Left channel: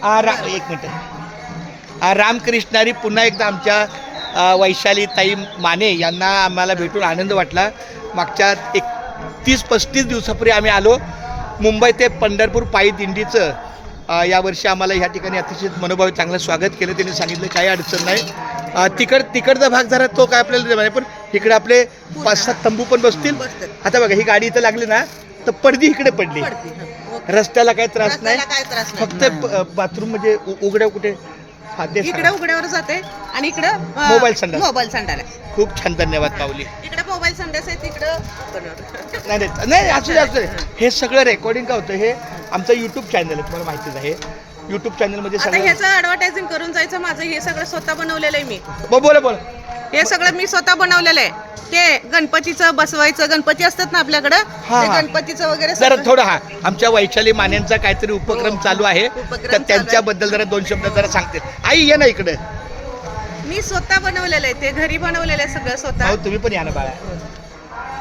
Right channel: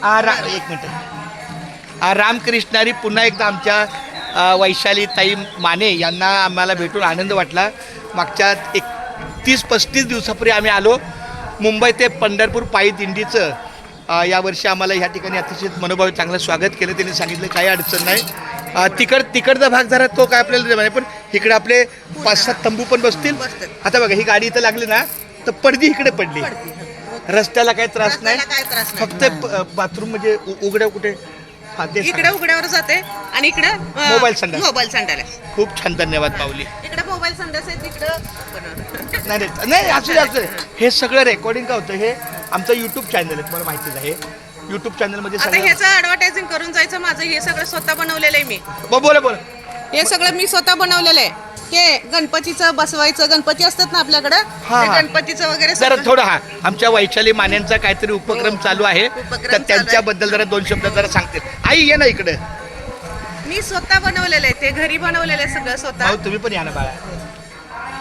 एक मिनिट रामकृष्णारी पुन्हा एकदा आमच्या वैशाली ताई माने यांना आम्हाला भेटून आनंद वाटला. मागच्या 30-35 दिवसापूर्वी आम्ही आलो मुंबई ते पंढरपूर पायी दिंडीचं. यावर्षी आम्हाला ह्या ठिकाणी अतिशय मनोभावी चांगलं स्वागत केलं. त्यांनी सांगितलं काही अडचण नाही. तिकडचा भाग जरा तो काय आपल्याला नाही, पण इकडे आपले 5-7 तंबू पण बसतील. आता बघा ही गाडी इथं लागली ना तर पडदी इकडे पडली. रस्त्याला काही त्रास नाही, फक्त बाथरूम म्हणजे उघड्या कुठे इकडे उघड्यावर जाते आणि इकडे मोबाईल संडास. खूप छान, धन्यवाद पावली. इकडे मोबाईल संडास आहे, तिकडे नाही असू दे. हे सगळं रेकॉर्डिंग का होतं, हे आमचं यूट्यूब चॅनल आहे, तुम्हाला माहितीच आहे. यूट्यूब चॅनलमध्ये आता ह्याचं ॲडव्हर्टायझिंग करून जायचं. माझं हे सगळं स्वतः बनवलेलं आहे मी. बोला. हे सगळं मी स्वतः बनवलेलं आहे. हे गणपतीचं बसवायचं, गणपती असतात ना आपल्याकडे, गणपतीचं वगैरे जरा थोडं आमच्या वैशाली मान्यांचा काहीतरी उपक्रम चालू आहे, तर त्यांच्याबद्दल जरा 2 शब्द जरा सांगते. आई ये ना इकडे. मी स्वतः बनवलेलं आहे, ते घरी बनवलेलं आहे सगळं स्वतः. तुम्ही पण या ना बाळा.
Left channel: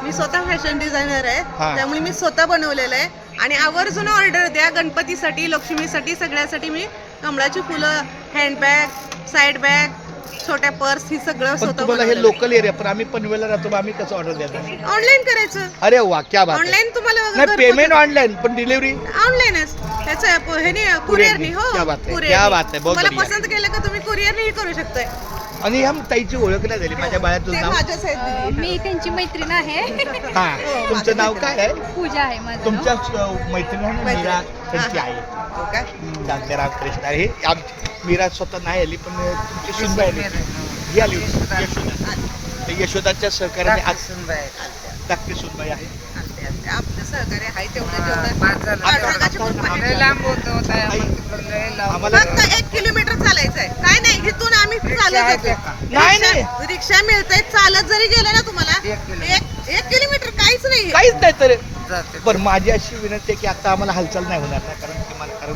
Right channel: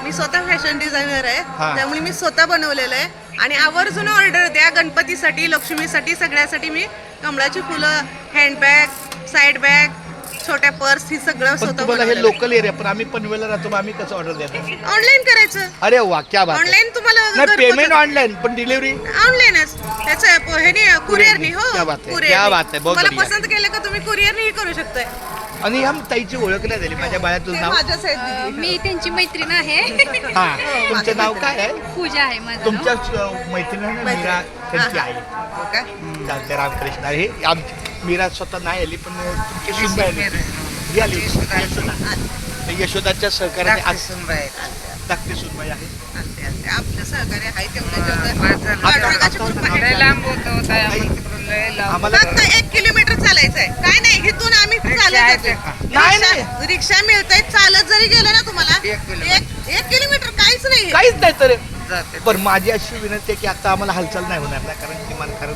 मी स्वतः फॅशन डिझायनर आहे, त्यामुळे मी स्वतः बनवलेलं आहे. आणि आवर्जून ऑर्डर द्या गणपतीसाठी, लक्ष्मीसाठी, सगळ्यासाठी. मी कमळाची फुलं, हँडबॅग, साईड बॅग, छोट्या पर्स, ही सगळं स्वतः. तुम्हाला हे लोकल एरिया, पण आम्ही पनवेलला राहतो, आम्ही कसं ऑर्डर देतो? ऑनलाईन करायचं. अरे वा, क्या बात. ऑनलाईन तुम्हाला नाही, पेमेंट ऑनलाईन, पण डिलिव्हरी ऑनलाईनच. त्याचं ह्याने कुरिअरनी. हो, क्या बात आहे. तुम्हाला पसंत केलं का तुम्ही कुरिअरनी करू शकताय. आणि ह्या ताईची ओळख नाही झाली. माझ्या बाळाचं नाव, मी त्यांची मैत्रीण आहे. तुमचं नाव काय आहे? पूजा आहे माझं. तुमच्या मैत्रीण आहे ना, मीरा त्यांची आहे. चालते. रामकृष्ण. हे मीरा स्वतः नाही आली, पण तुमची सुनबाई आली होती. ही आली होती यशोदा. यशोदाच्या सहकार्याने आज धाकटी सुनबाई आहे. आपलं सहकार्य आहे तेवढं आम्हाला 1 किलोमीटर चालायचंय. काय नाही, इथून आम्ही चालत जातो. नाही रिक्षा मिळतंय. चालत जरी गेलं ना तुम्हाला 1 किलोमीटर काहीच नाही तर. बरं, माझी अशी विनंती आहे की आता आम्हाला हालचाल नाही होणार ना, कारण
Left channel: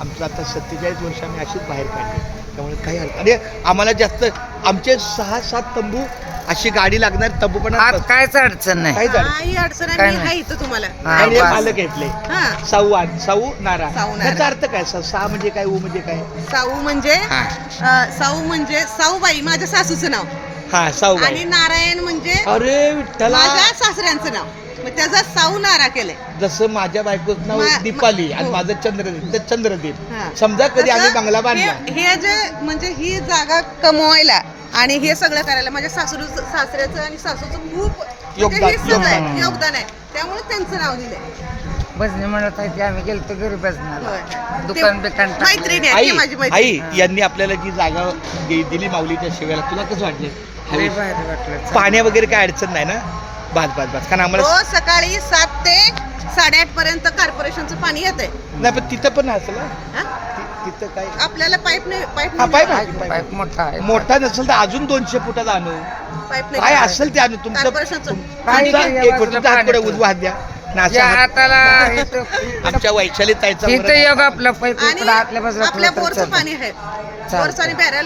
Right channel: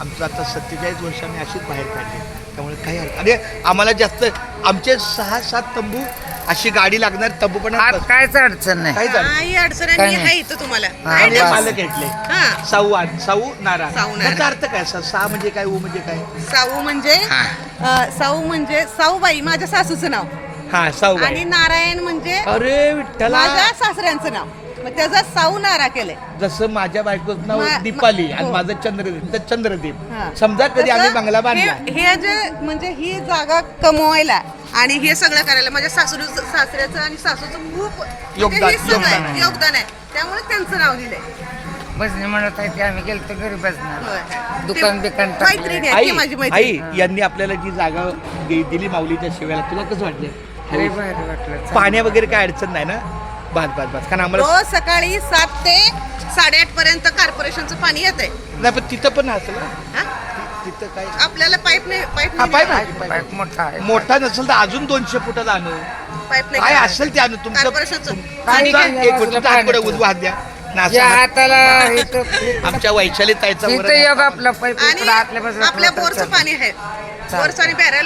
आमचं आता 47 वर्ष आम्ही अशीच बाहेर काढले, त्यामुळे काही आणि आम्हाला जास्त आमचे 6-7 तंबू अशी गाडी लागणार. तंबू पण काहीच अडचण नाही. काही अडचण नाही इथं तुम्हाला. आणि मालक घेतले साऊ नारा. त्याचा अर्थ काय? सा म्हणजे काय, ऊ म्हणजे काय? साऊ म्हणजे साऊबाई, माझ्या सासूचं नाव. साऊ. आणि नारायण म्हणजे अरे विठ्ठला, माझ्या सासऱ्यांचं नाव. मग त्याचा साऊ नारा केलंय. जसं माझ्या बायकोचं नाव दीपाली आणि माझं चंद्रदीप. समजा कधी आम्ही बंगला बांधला, हे जे म्हणजे ही जागा कमवायला आणि हे सगळं करायला माझ्या सासऱ्याचं आणि सासूचं खूप योगदान आहे. त्यामुळे त्यांचं नाव दिलंय. बसने म्हणत आहे की आम्ही गेलो तर घरी बसणार, दुकान बिकान. मैत्रिणी आहे माझी मैत्रिणी. आई यांनी आपल्याला जी जागा दिली माऊलीच्या शिव्याला, तुला कसं वाटले? भारी वाटलं. पाण्या वगैरे काय अडचण नाही ना? बस कारण आम्हाला रोज सकाळी 7 ते 8:30 पर्यंत कॉर्पोरेशनचं पाणी येतंय. नाही, पण तिथं पण असेल तिथं काय आपल्याला पाईप पाईप मोठा नसेल तर अजून 200 फुटाचा आणू. काय असेल ते आणू. तुमचं हात द्या. आमच्या वैशाली ताईचा आपल्या बोरचं पाणी आहे. बोरचं आणि बॅरल